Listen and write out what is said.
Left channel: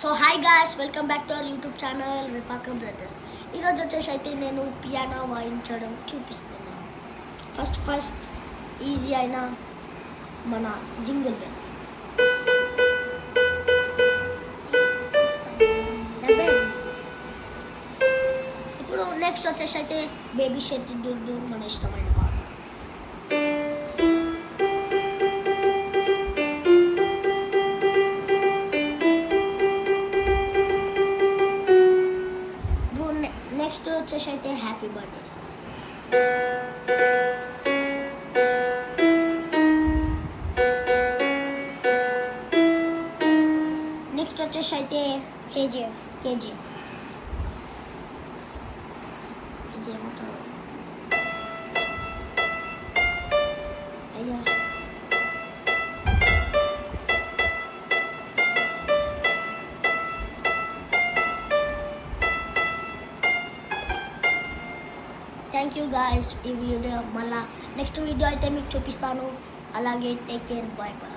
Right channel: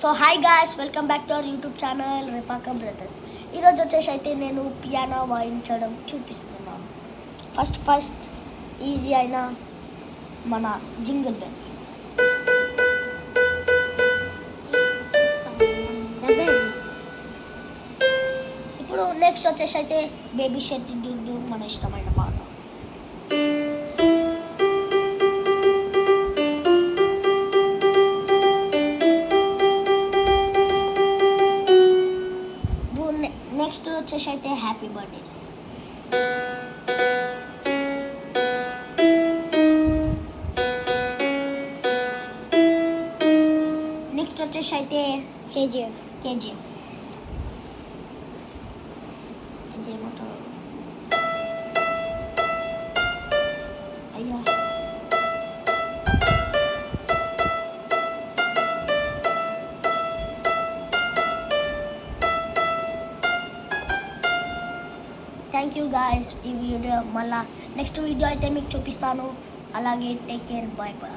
So hi guys, welcome back to our YouTube channel Vipaka brothers. ఈరోజు వచ్చేసి అయితే నేను పియానో వాయించడం చూపిస్తున్నాను. ఫస్ట్ ఈజీ అయిన మన జింగిల్ బెల్. ఇప్పుడు నెక్స్ట్ వచ్చేసి అయితే బేబీ షెట్టి డుడ్డు, మన ఇష్టమైన పాట. నెక్స్ట్ వచ్చేసి అయితే హ్యాపీ బర్త్డే. నెక్స్ట్ వచ్చేసి అయితే కేజీఎఫ్. అయ్యా థ్యాంక్ యూ గాయస్. ఈ వీడియో మళ్ళీ నెక్స్ట్ వీడియో అయితే మీకు చూపిస్తాను. అలాగే టేక్ కేర్, బాయ్ బాయ్.